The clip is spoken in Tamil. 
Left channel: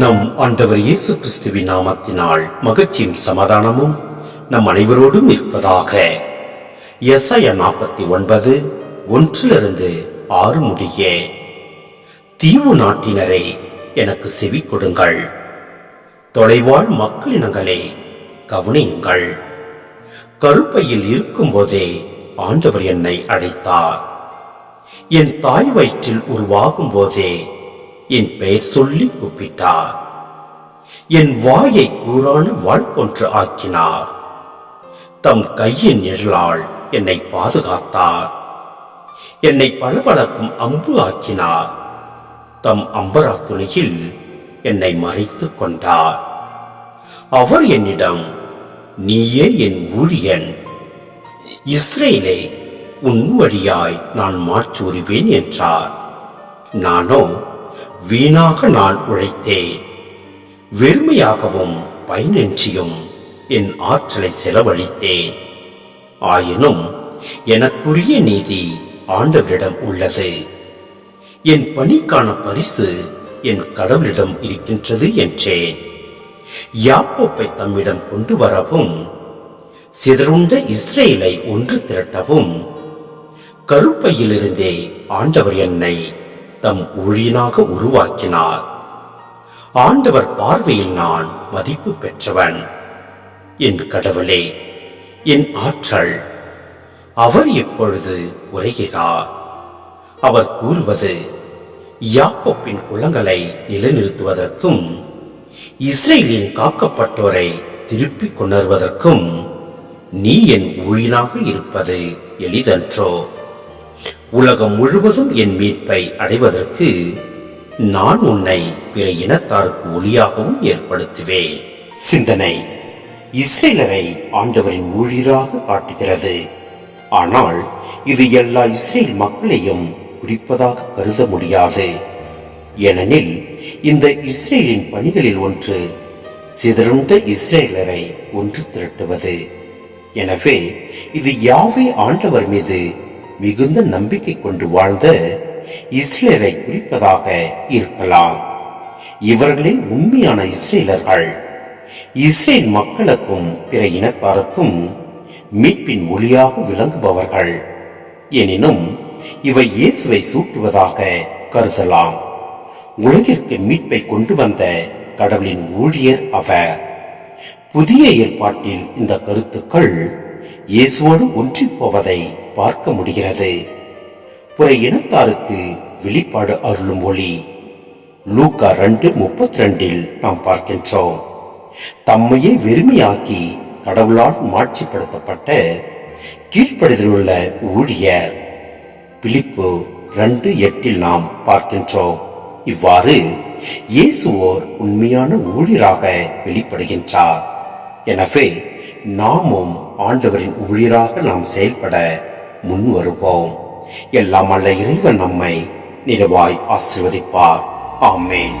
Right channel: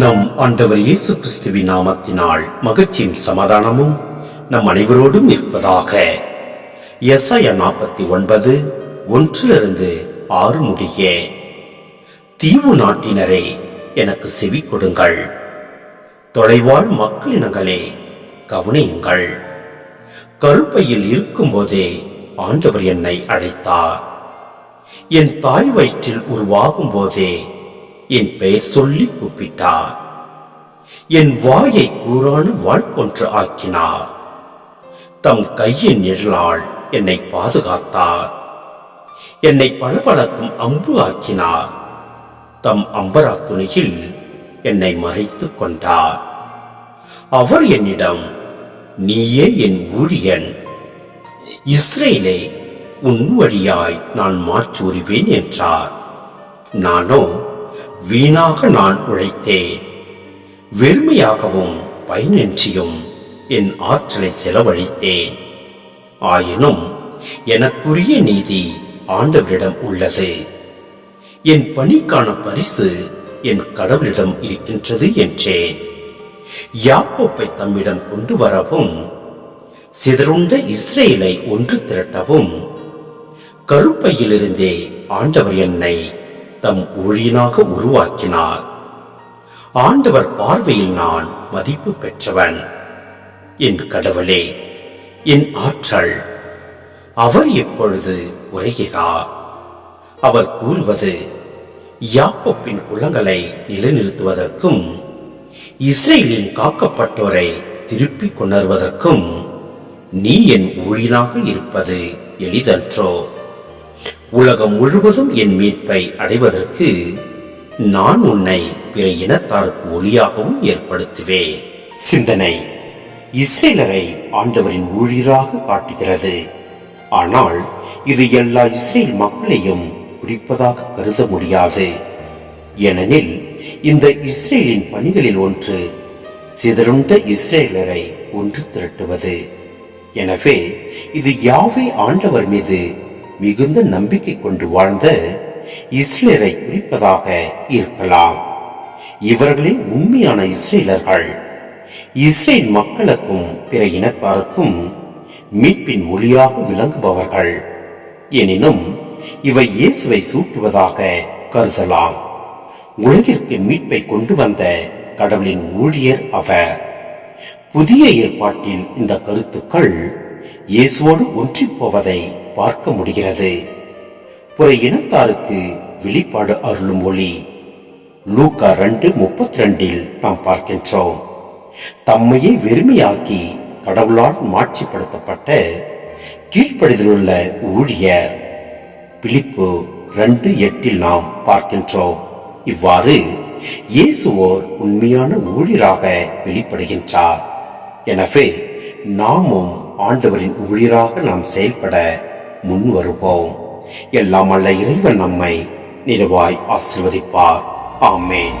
நம் ஆண்டவர் இயேசு கிறிஸ்துவின் நாமத்தினால் மகிழ்ச்சியும் சமாதானமும் நம் அனைவரோடும் இருப்பதாக எஸ்ஐயா நாற்பத்தி ஒன்பது ஒன்றிலிருந்து ஆறு முடிய. தீவு நாட்டினரே எனக்கு செவி கொடுங்கள். தொலைவாழ் மக்களினங்களே கவனியுங்கள். கருப்பையில் இருக்கும்போதே ஆண்டவர் என்னை அழைத்தார். என் தாய் வயிற்றில் உருவாகும் போதே என் பெயர் சொல்லி கூப்பிட்டார். என் வாயை கூறான வாழ் போன்று ஆக்கினார். தம் கையின் நிழலால் என்னை பாதுகாத்தார். என்னை பளபளக்கும் அம்பு ஆக்கினார். தம் அம்பரா துணியில் என்னை மறைத்துக் கொண்டார். அவர் என்னிடம் நீயே என் ஊழியன். இஸ்ரேலே உன் வழியாய் நான் மாற்றூறுவேன் என்றார். நானோ வீணாக நான் உழைத்தேன் வெறுமையாகவும் பயனின்றியும் என் ஆற்றலை செலவழித்தேன் ஆயினும் எனக்குரிய நீதி ஆண்டவரிடம் உள்ளது. என் பணிக்கான பரிசு என் கடவுளிடம் இருக்கின்றது என்றேன் யாக்கோப்பை தம்மிடம் கொண்டு வரவும் சிதறுண்ட இஸ்ரேலை ஒன்று திரட்டவும் கருப்பையிலிருந்தே ஆண்டவர் என்னை தம் ஊழியனாக உருவாக்கினார். ஆண்டவர் பார்வையில் நான் மதிப்பு பெற்றவன். என் கடவுளே என் ஆற்றல் அவர் எப்பொழுது உரைகிறார். அவர் கூறுவது யாக்கோப்பின் குளங்களை நிலைநிறுத்துவதற்கும் இஸ்ரேலின் காக்கப்பட்டோரை திருப்பிக் கொணர்வதற்கும் நீ என் ஊழியனாக இருப்பது எளிதன்றோ? உலகம் முழுவதும் என் மீட்பை அடைவதற்கு நான் உன்னை பிற இனத்தாருக்கு ஒளியாகவும் ஏற்படுத்துவேன். சிந்தனை இஸ்ரேலரை ஆண்டவரின் ஊழியராக காட்டுகிறது. ஆனால் இது எல்லா இஸ்ரேல் மக்களையும் குறிப்பதாக கருத முடியாது. ஏனெனில் இந்த இஸ்ரேலின் பணிகளில் ஒன்று சிதறுண்ட இஸ்ரேலரை ஒன்று திரட்டுவது. எனவே இது யாவே ஆண்டவர் மீது மிகுந்த நம்பிக்கை கொண்டு வாழ்ந்த இஸ்ரேலை குறிப்பதாக இருக்கலாம். இவர்களே உண்மையான இஸ்ரேலர்கள். இஸ்ரேல் மக்களுக்கும் பிற இனத்தாருக்கும் மீட்பின் ஒளியாக விளங்குபவர்கள். எனினும் இவை இயேசுவை சூட்டுவதாக கருதலாம். உலகிற்கு மீட்பை கொண்டு வந்த கடவுளின் ஊழியர் அவர். புதிய ஏற்பாட்டில் இந்த கருத்துக்கள் இயேசுவோடு ஒன்றிப்போவதை பார்க்க முடிகிறது. புற இனத்தாருக்கு வெளிப்பாடு அருளும் ஒளி. லூக்கா ரெண்டு முப்பத்தி ரெண்டில் நாம் பார்க்கின்றோம். தம்மையே வெறுமையாக்கி கடவுளால் மாட்சிப்படுத்தப்பட்ட கீழ்ப்படிதலுள்ள ஊழியர். பிலிப்பு ரெண்டு எட்டில் நாம் பார்க்கின்றோம். இவ்வாறு இயேசுவோர் உண்மையான ஊழியராக வெளிப்படுகின்றார். எனவே நாமும் ஆண்டவரின் ஊழியராக நாம் செயல்பட முன் வருவோம் எல்லாம் அல்ல இறைவன் நம்மை நிறுவாய் ஆசிர்வதிப்பார். ஆமேன்.